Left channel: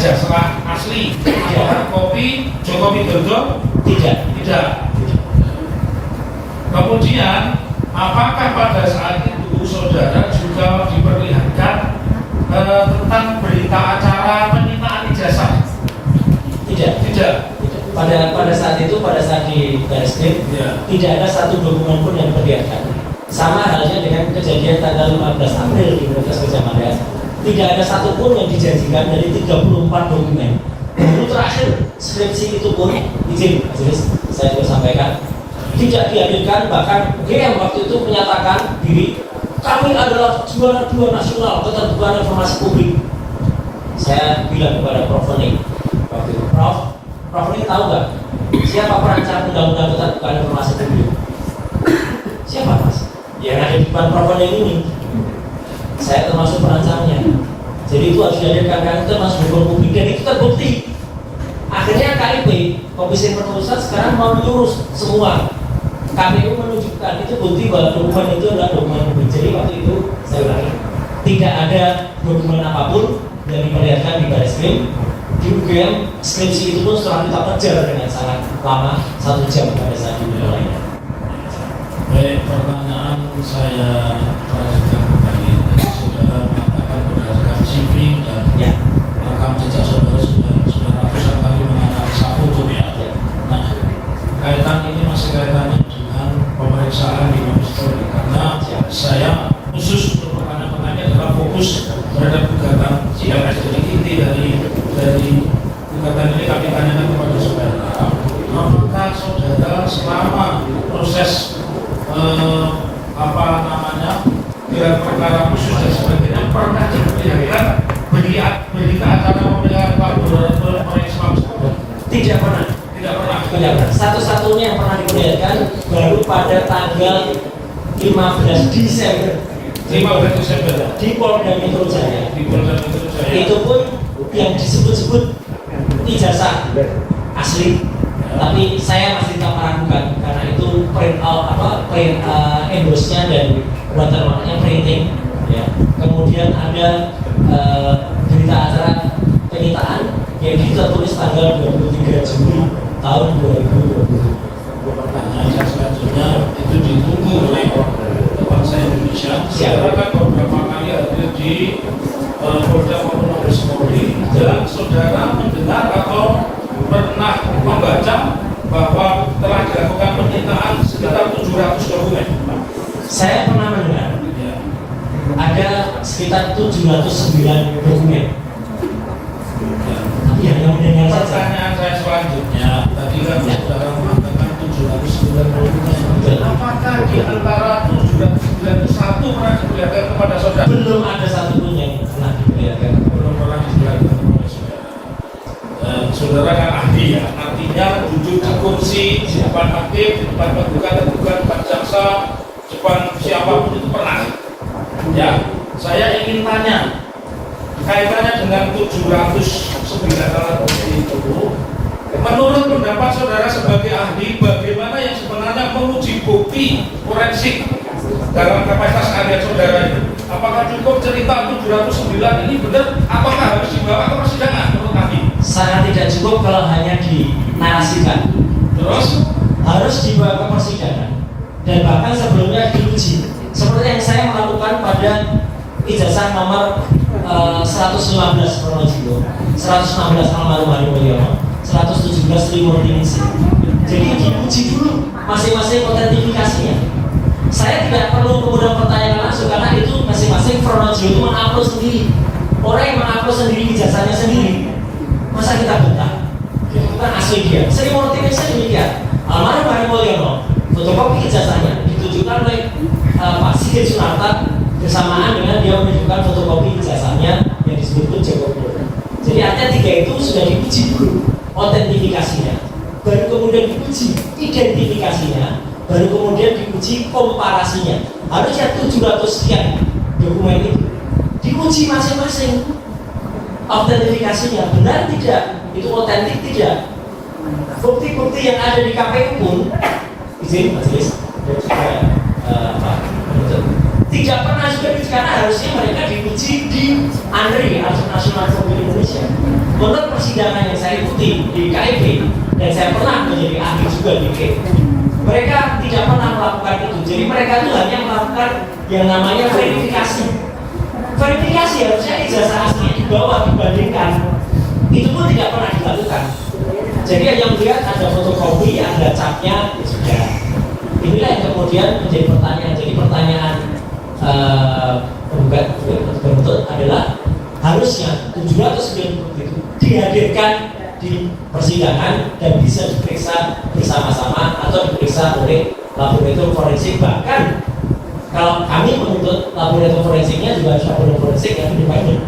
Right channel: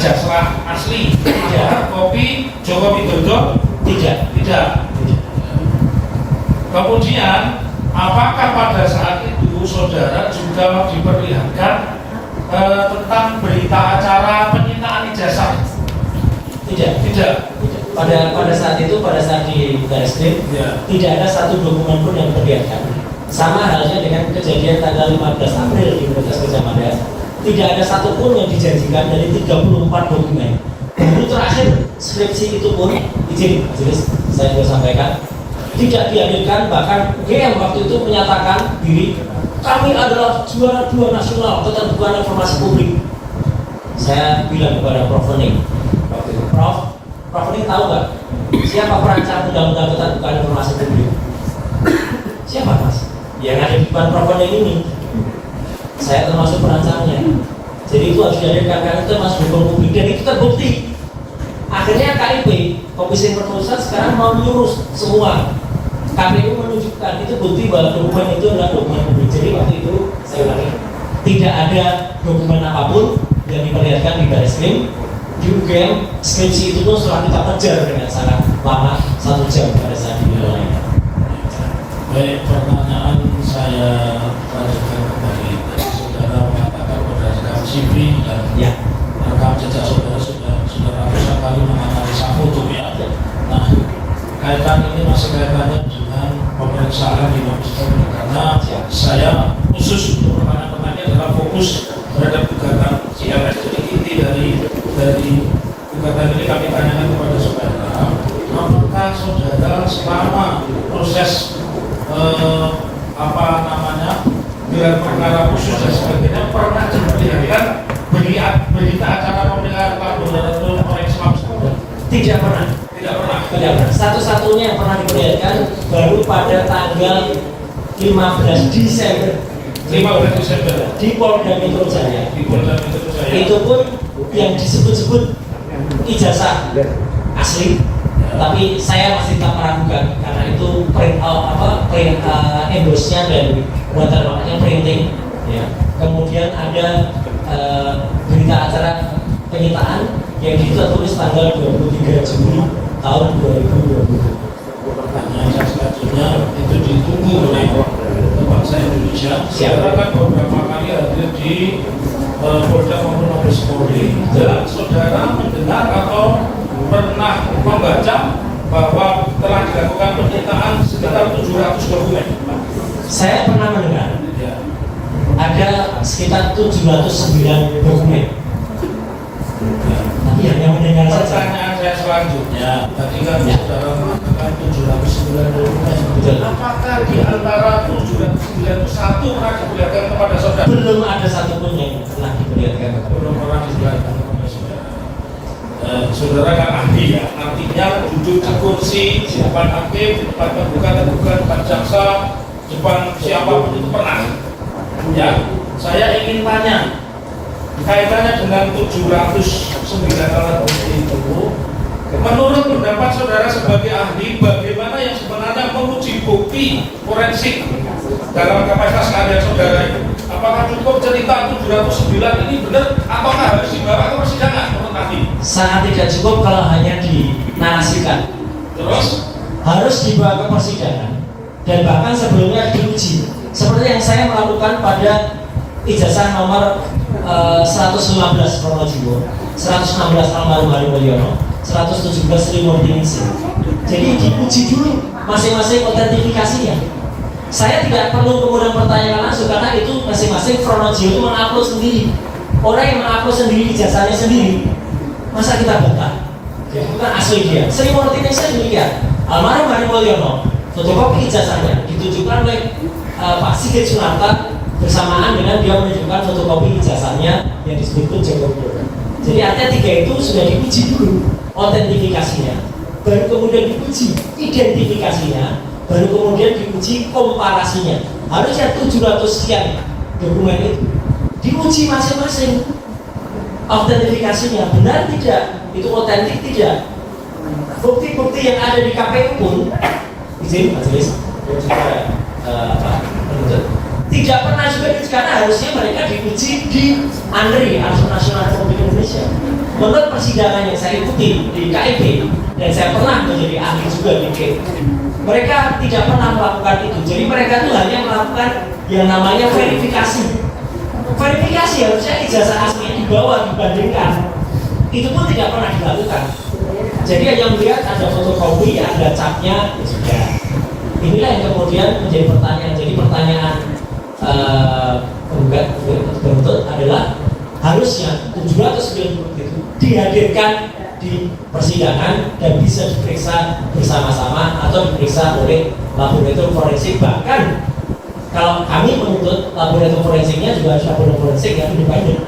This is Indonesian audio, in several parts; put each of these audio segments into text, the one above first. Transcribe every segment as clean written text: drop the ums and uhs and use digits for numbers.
ijazah asli, hard copy Joko Widodo? Tidak. Kemudian apakah pada saat itu saudara juga diperlihatkan tentang berita acara penyitaan ijazah? Tidak. Pada saat itu, pada saat di Barreskrim, tidak ada satu dokumen pun yang diperlihatkan. Sama halnya dengan kejadian tanggal 15 April di Universitas Gadjah Mada. Tidak ada satupun yang dijanjikan dari 34 dokumen. Baru terakhir skripsi itu pun izin, majelis saya boleh sampaikan, tidak diambilkan. Bahkan yang waktu itu menyatakan diri kami adalah juara 2 nasional keterbukaan informasi publik. Saya bilang kepada Prof. Onik waktu itu, Prof Onik tahu nggak siapa perancang undang-undang keterbukaan informasi publik? Siapa mas? Ya ada di depan Prof. Onik ini. Saya termasuk perancangnya. Jadi itu harus dihadirkan, karena itu masuk hukum publik dan itu terbukti. Akhirnya KIP, Komisi Pertulisan sekarang mau menyuruh semua. KPU menunjukkan itu bukti bahwa dokumen itu adalah dokumen publik. Jadi waktu itu saya ulangi, tidak ada dokumen apapun yang diperlihatkan di Barreskrim. Di UGM skripsi itu pun setelah kita kejar dengan sangat lama, 1 jam pada saat dimulai. Baik, pertanyaan saya lanjutkan kembali. Saudara mengatakan berdasarkan CV dan rekam jejak saudara sudah ratusan kali menganalisa foto ya. Nah, kaitan ini masih kaitannya dengan pemeriksaan di Mabes Polri, karena saya khusus untuk pertanyaan-pertanyaan adalah fokus terhadap gugatan CLS. Jadi inti dari gugatan ini kami tanyakan kepada saudara. Apakah saudara selama proses gelar perkara khusus dan sebagainya pernah diperlihatkan berita acara pemilihan tahun 2019? Tidak pernah. Satu-satunya yang pernah diperlihatkan baru pada tanggal 15 Desember di Polda Metro Jaya. Itu pun yang disebut-sebut ijazah asli, tapi saya masih tak meragukan karena itu print embossnya dan watermarknya printing ya. Kemudian ada berita acara penyitaan yang kita tulis tanggal 23 Juli tahun 2020. Pertanyaan selanjutnya itu ditunggu oleh bangsa Indonesia. Siapa kan beberapa kali ada di Polda maupun Mabes Polri, dan saudara mendengar atau pernah membaca bahwa telah dilakukan penyitaan sekitar 700 dokumen. Saya pernah mendengar ada sekitar 709 dokumen. Tapi yang mendengar pertanyaan saya selanjutnya, tadi kan saudara mengatakan 709 dokumen. Apakah di antara 709 itu satu pernah diperlihatkan kepada saudara? Belum ada satupun yang pernah diperlihatkan. Belum pernah diperlihatkan kepada saudara. Saudara kan ahli ya, artinya duduk di kursi di depan hakim, di depan penggugat, depan jaksa, depan siapapun itu pernah. Ya, saya ingin tanya kaitannya dengan 709 alat bukti itu. Menurut pendapat saudara sebagai ahli, bagaimana yang sebenarnya menguji bukti forensik dalam kapasitas keahlian saudara itu? Apakah cukup cerita 709 ini benar, apakah harus dibawa ke persidangan menurut ahli? Sangat tidak cukup kalau hanya dinarasikan. Terus harus dibawa ke persidangan dan bahkan sebelumnya diuji. Seperti yang saya melakukan pada ijazah nomor 115 Pronojiwo, 116 almarhum Hari Mulyono, 117 Trimurti Ningsih. Jadi diuji dulu masing-masing autentifikasinya. Saya tidak perlu kemudian pertanyaan langsung karena itu masing-masing Pronojiwo itu mengupload sendiri. Orang yang mengupload sendiri ijazahnya sendiri, masa kita bantah? Ya, itu kan asli dia. Trimurti Ningsih demikian. Almarhum Hari Mulyono, fotokopi ijazahnya ditujukan oleh Pak Sigit Sunarta bersamaan dengan dia menunjukkan fotokopi ijazahnya yang disebut Joko Widodo. Jadi artinya 3 itu sudah diuji dulu autentifikasinya, baru kemudian diuji identifikasinya, baru kemudian diuji komparasinya. Harusnya 700 sekian dokumen itu diuji masing-masing autentifikasinya, benar tidak, itu otentik tidak. Bukti-bukti yang ada di KPU pun izin majelis tidak Tidak pernah juga karena harusnya mereka diuji di ANRI, Arus Nasional Republik Indonesia. Menurut persidangan yang saya ikuti di KIP, dan saya pernah menjadi ahli juga di KIP, mereka tidak pernah melakukan itu. Jadi mereka itu hanya melakukan yang namanya verifikasi. Verifikasi harusnya ijazah aslinya dibawa dibandingkan. Itu pun tidak pernah dilakukan. Jadi yang melihat ada fotokopi, ada capnya juga. Inilah yang kemudian menjadi pertanyaan. Jadi pertanyaan bentuk adalah harusnya 790 itu dihadirkan di persidangan dan bisa diperiksa bersama-sama atau diperiksa oleh laboratorium forensik. Bahkan kalau kami menuntut laboratorium forensiknya juga harus laboratorium forensik yang lebih banyak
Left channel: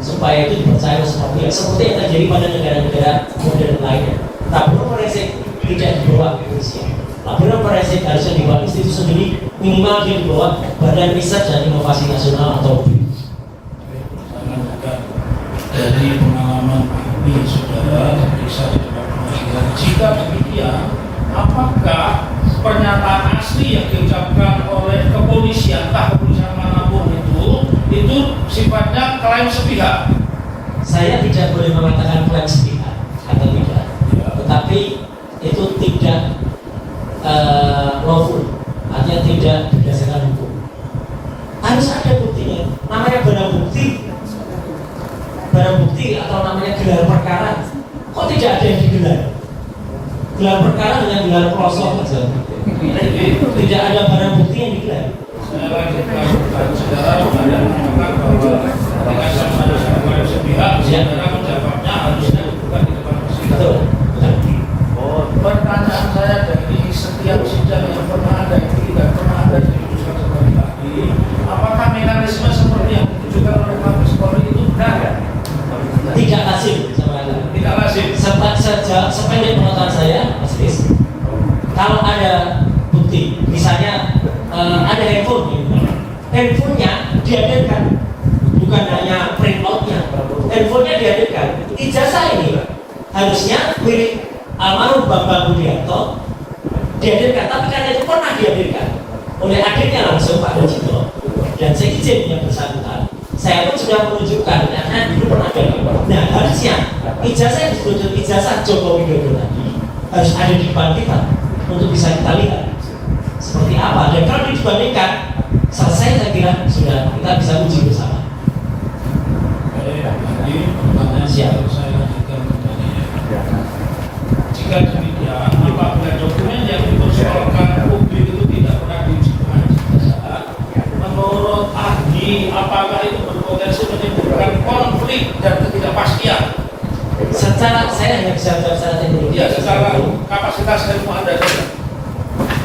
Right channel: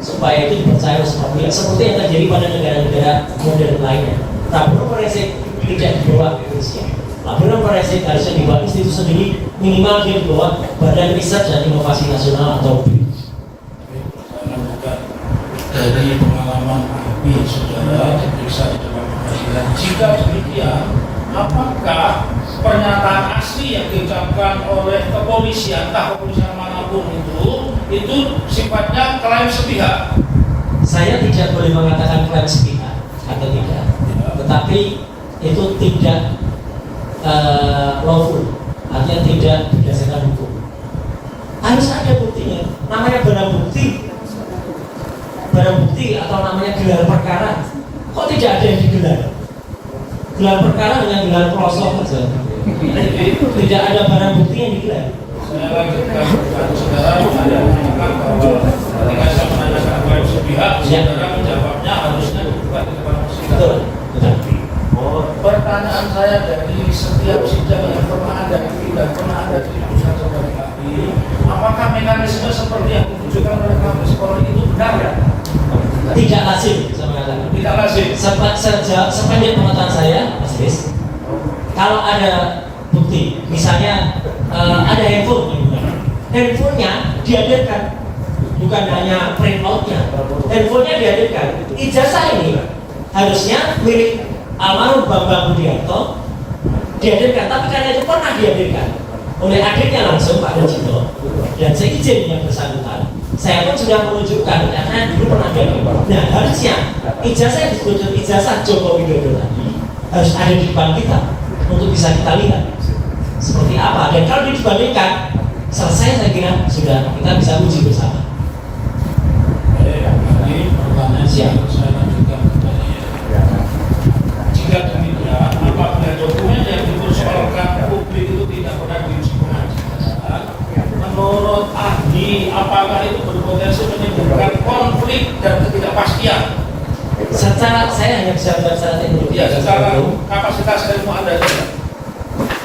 supaya itu dipercaya seperti yang terjadi pada negara-negara modern lainnya. Laboratorium forensik tidak dibawa ke Indonesia. Laboratorium forensik harusnya dibawa institusi sendiri, minimal dia dibawa Badan Riset dan Inovasi Nasional atau BRIN. Dari pengalaman ini saudara diperiksa di dalam pengadilan, jika demikian, apakah pernyataan asli yang diucapkan oleh kepolisian, entah kepolisian manapun itu sifatnya klaim sepihak? Saya tidak boleh mengatakan klaim sepihak atau tidak, tetapi itu tidak lawful, artinya tidak berdasarkan hukum. Harus ada buktinya, namanya barang bukti atau namanya gelar perkara. Kok tidak ada yang digelar? Gelar perkara hanya gelar pelosok saja. Tidak ada barang bukti yang digelar. Saya lanjutkan pertanyaan saudara, ada yang mengatakan bahwa ketika saya menanyakan klaim sepihak, saudara menjawabnya harusnya dibuka di depan persidangan. Pertanyaan saya dari setiap sidang yang pernah ada dan pernah ada di putusan sebagai ahli, apakah mekanisme seperti yang ditunjukkan oleh Mabes Polri itu benar? Tidak lazim, saya mengatakan. Tidak lazim. Sependek pengetahuan saya, Mas Kris, kalau ada bukti, misalnya ada handphonenya dihadirkan, bukan hanya print outnya, handphonenya dihadirkan. Ijazah ini harusnya milik almarhum Bambang Budiarto dihadirkan, tapi karena itu pernah dihadirkan oleh adiknya langsung Pak Dajito, dan saya izin yang bersangkutan, saya pun sudah menunjukkan karena dulu pernah dihadirkan. Nah harusnya ijazah yang disebut ijazah Joko Widodo tadi harus ada di depan kita untuk bisa kita lihat seperti apa, dan kalau dibandingkan selesai, saya kira sudah kita bisa uji bersama. Jadi pertanyaan Siap. saya lanjutkan kembali. Jika demikian, apabila dokumen yang dipersoalkan publik itu tidak pernah diuji pengadilan, menurut ahli, apakah itu berpotensi menimbulkan konflik dan ketidakpastian? Secara saya hanya bisa jawab secara teknologi. Ya, secara kapasitas ilmu Anda saja.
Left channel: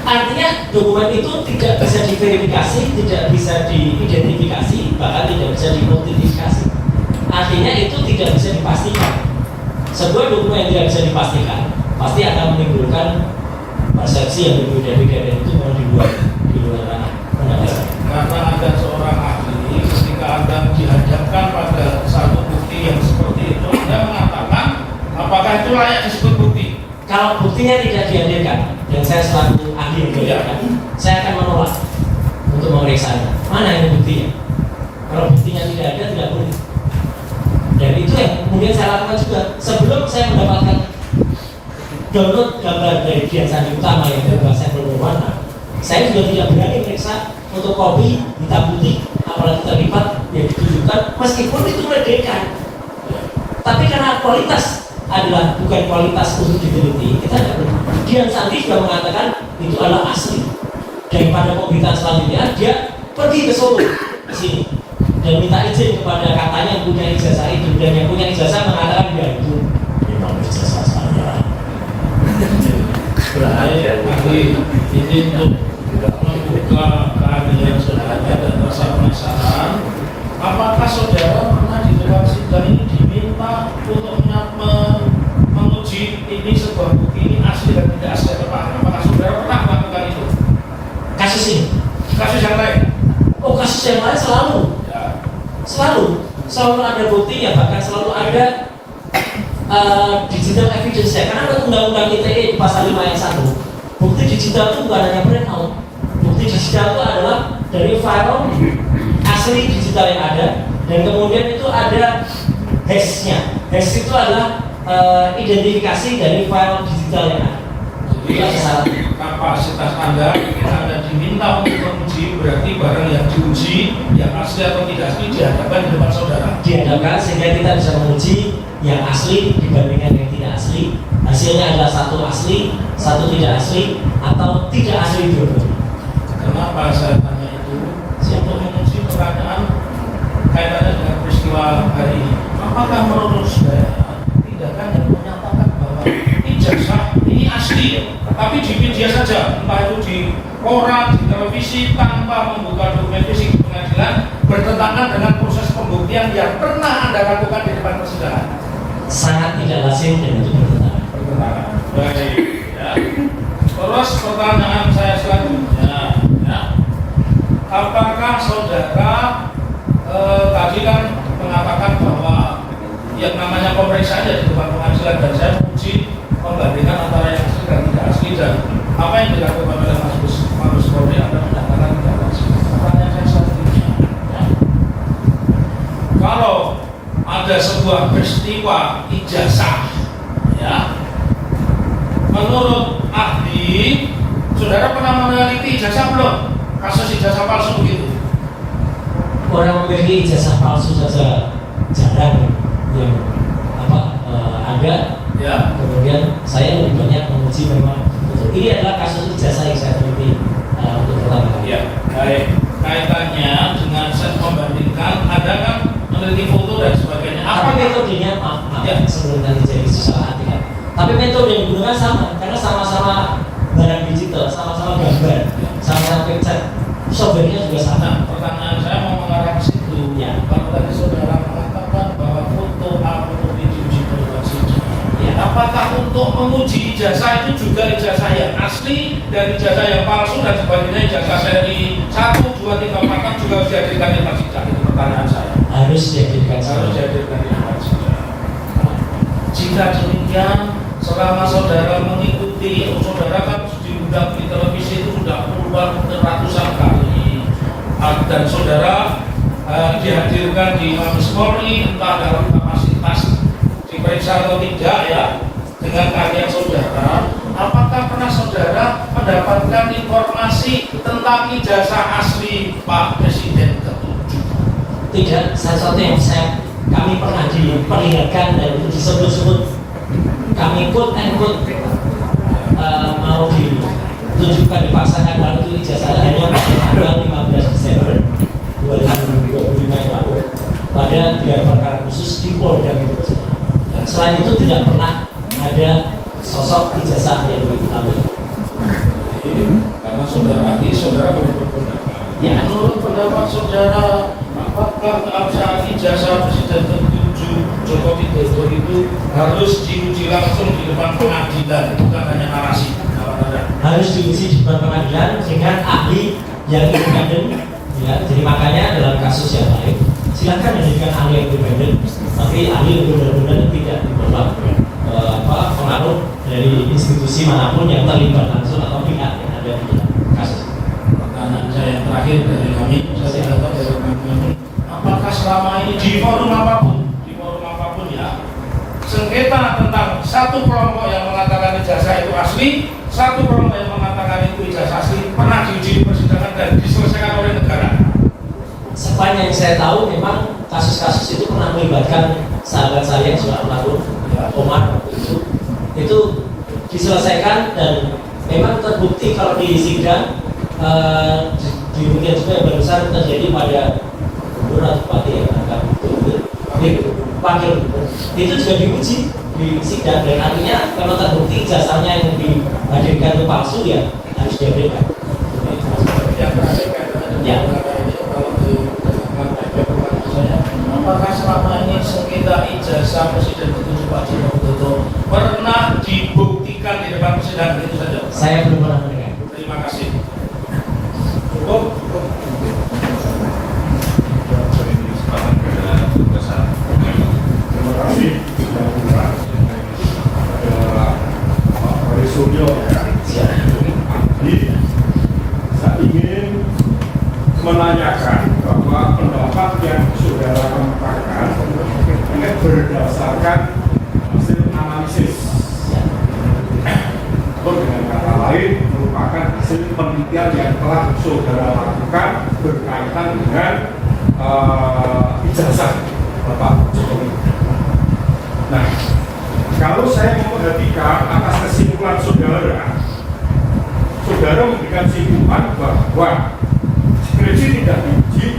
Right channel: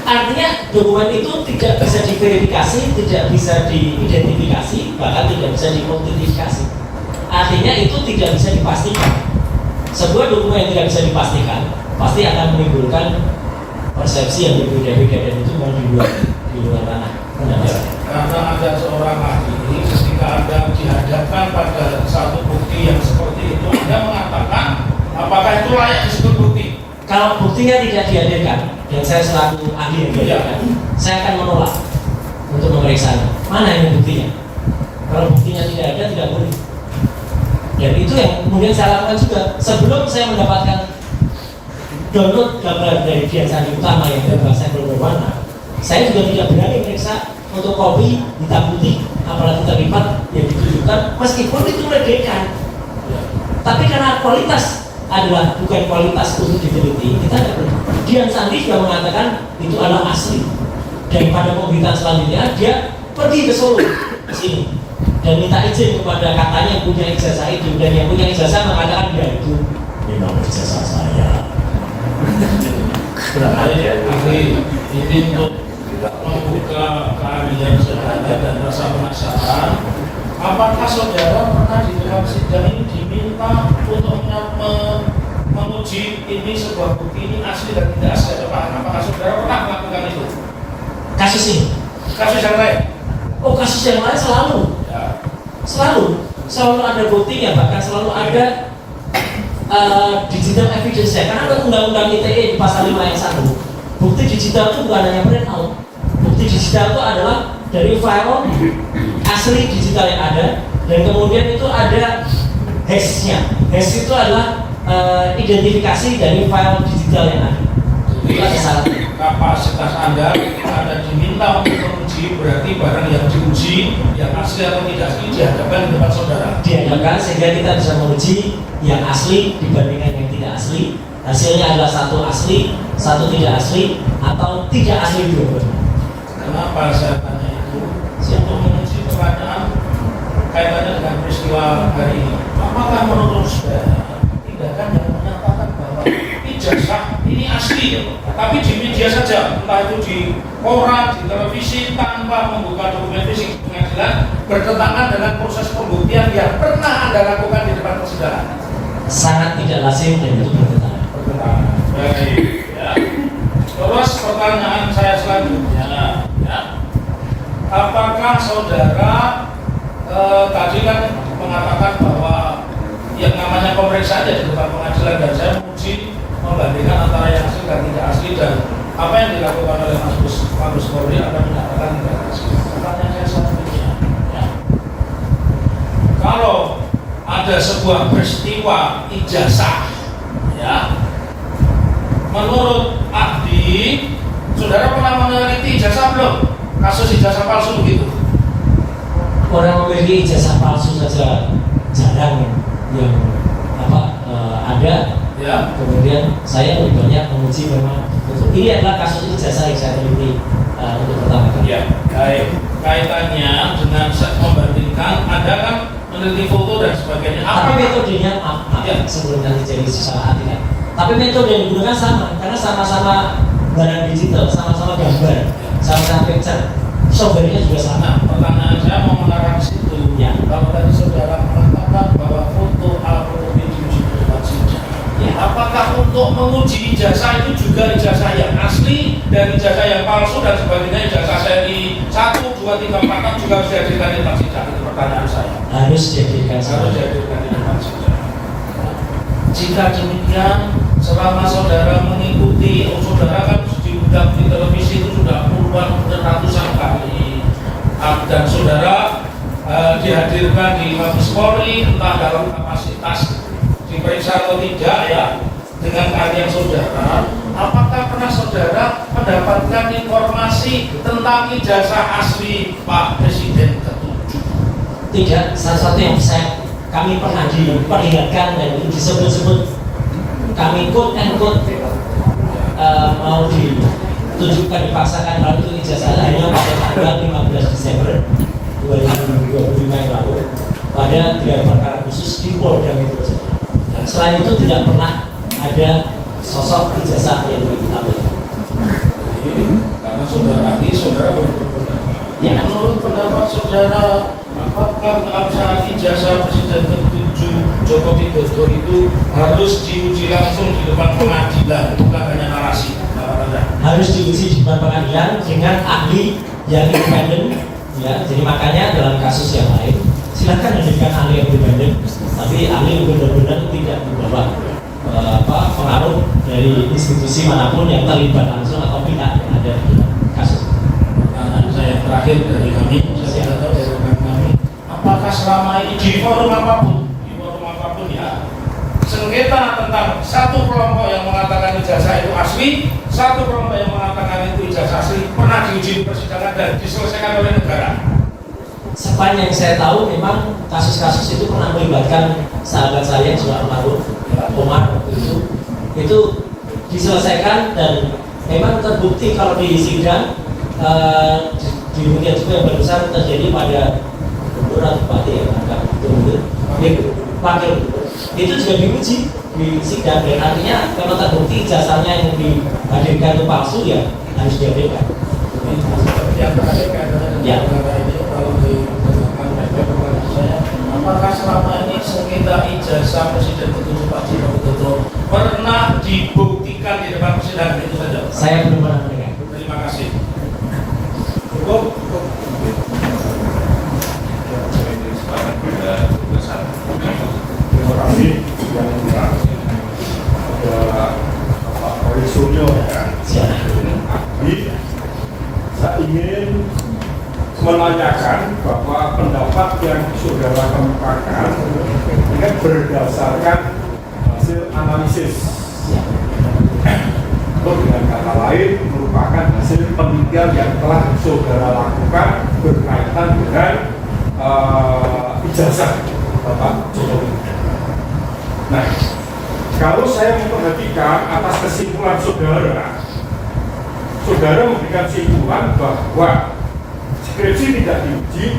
Artinya dokumen itu tidak bisa diverifikasi, tidak bisa diidentifikasi, bahkan tidak bisa diidentifikasi. Artinya itu tidak bisa dipastikan. Sebuah dokumen yang tidak bisa dipastikan pasti akan menimbulkan persepsi yang berbeda-beda, dan itu mau di luar ranah. Karena ada seorang ahli, ketika Anda dihadapkan pada satu bukti yang seperti itu, Anda mengatakan apakah itu layak disebut bukti? Kalau buktinya tidak dihadirkan, dan saya selaku ahli yang dihadirkan, saya akan menolak untuk memeriksa mana yang buktinya. Kalau buktinya tidak ada, tidak boleh. Dan itu yang kemudian saya lakukan juga. Sebelum saya mendapatkan download gambar dari Dian Sandi Utama yang berbahasa berwarna, saya juga tidak berani memeriksa untuk kopi hitam putih, apalagi terlibat yang ditunjukkan, meskipun itu merdeka. Tapi karena kualitas adalah bukan kualitas untuk diteliti, kita tidak perlu. Dian Sandi juga mengatakan itu adalah asli. Daripada pemberitaan selanjutnya, dia pergi ke Solo, ke sini, dan minta izin kepada katanya yang punya ijazah itu, dan yang punya ijazah mengatakan dia itu memang ijazah saya. Ini untuk membuka keahlian saudara dan rasa penasaran. Apakah saudara pernah di dalam sidang ini diminta untuk menguji ini sebuah bukti ini asli dan tidak asli atau apa? Apakah saudara pernah melakukan itu? Kasus ini, Kasus yang lain? oh kasus yang lain selalu, Ya. selalu ada buktinya, bahkan selalu ada digital evidence ya, karena ada undang-undang ITE di pasal 5 ayat 1. Bukti digital itu bukan hanya print out. Bukti digital itu adalah dari file asli digital yang ada, dan kemudian itu ada hash-nya. Hash itu adalah identifikasi dari file digital yang ada. Jadi kapasitas Anda diminta untuk menguji, berarti barang yang diuji yang asli atau tidak asli dihadapkan di depan saudara. Dihadapkan sehingga kita bisa menguji yang asli dibandingkan yang tidak asli. Hasilnya adalah satu asli, satu tidak asli, atau tidak asli juga. Kenapa saya tanya itu? Untuk menguji pertanyaan kaitannya dengan peristiwa hari ini. Apakah menurut saya tindakan yang menyatakan bahwa ijazah ini asli, tapi di media saja, entah itu di koran, di televisi, tanpa membuka dokumen fisik di pengadilan, bertentangan dengan proses pembuktian yang pernah Anda lakukan di depan persidangan? Sangat tidak lazim dan itu bertentangan. Baik, ya. Terus pertanyaan saya selanjutnya, ya. Apakah saudara tadi kan mengatakan bahwa yang namanya pemeriksaan di depan pengadilan, dan saya menguji membandingkan antara yang asli dan tidak asli, dan apa yang dilakukan oleh Mabes Polri Anda menyatakan tidak asli. Pertanyaan saya selanjutnya, ya. Kalau ada sebuah peristiwa ijazah, ya, menurut ahli, saudara pernah meneliti ijazah belum? Kasus ijazah palsu begitu. Orang memiliki ijazah palsu saja jarang yang ada. Ya. Kemudian saya lebih banyak menguji memang betul. Ini adalah kasus ijazah yang saya teliti untuk pertama kali. Ya, baik. Kaitannya dengan set membandingkan, ada kan meneliti foto dan sebagainya. Apa metodenya? Ya, sebelum nanti jadi salah hati kan. Tapi metode yang digunakan sama, karena sama-sama barang digital, sama-sama gambar, sama-sama picture, software-nya juga sama. Pertanyaan saya mau mengarah ke situ. Ya. Kalau tadi saudara mengatakan bahwa foto alkohol diuji berupa sidang, ya, apakah untuk menguji ijazah itu juga ijazah yang asli dan ijazah yang palsu dan sebagainya, ijazah seri 1, 2, 3, 4 juga harus dihadirkan di depan sidang? Itu pertanyaan saya. Harus dihadirkan di depan sidang. Jika demikian, selama saudara mengikuti, saudara kan diundang di televisi itu sudah puluhan ratusan kali, dan saudara dihadirkan di Mabes Polri entah dalam kapasitas diperiksa atau tidak, ya, dengan kalian saudara, apakah pernah saudara mendapatkan informasi tentang ijazah asli Pak Presiden ke-7? Tidak, sesuatu yang kami pernah diperlihatkan dan itu disebut-sebut, kami quote and quote mau ditunjukkan, dipaksakan, lalu itu ijazah hanya pada tanggal 15 Desember 2025 yang lalu pada 3 perkara khusus di Polda Metro Jaya. Dan selain itu tidak pernah ada sosok ijazah yang diketahui. Karena saudara ya, menurut pendapat saudara, apakah ijazah Presiden ke-7 Joko Widodo itu harus diuji langsung di depan pengadilan, bukan hanya narasi? Harus diuji di depan pengadilan dengan ahli yang independen, ya. Jadi makanya dalam kasus yang lain silakan menjadikan ahli yang independen, tapi ahli yang benar-benar tidak membawa pengaruh dari institusi manapun yang terlibat langsung atau pihak yang ada di dalam kasus. Pertanyaan saya terakhir dari kami, saya tahu dari kami, apakah selama ini di forum apapun, ya, sengketa tentang satu kelompok yang mengatakan ijazah itu asli, satu kelompok yang mengatakan itu ijazah asli, pernah diuji di persidangan dan diselesaikan oleh negara? Sepanjang saya tahu, memang kasus-kasus itu pernah melibatkan sahabat saya juga almarhum Omar waktu itu diselesaikan dan memang terbukti kalau di sidang demikian juga yang besar terjadi pada beberapa bupati yang agak wakil itu juga diuji di sidang, dan artinya kalau terbukti ijazahnya yang dihadirkan itu palsu, ya harus dihadirkan. Ya. Apakah selama ini sengketa ijazah Presiden ke-7 Pak Joko Widodo pernah dibuktikan di depan persidangan? Itu saja. Saya belum pernah mendengar. Terima kasih. Cukup. Terima kasih. Pak Wali Suryo, ya. Jadi, saya ingin penelitian yang telah saudara lakukan berkaitan dengan ijazah Bapak Jokowi. Nah, kalau saya memperhatikan atas kesimpulan saudara memberikan kesimpulan bahwa skripsi tidak diuji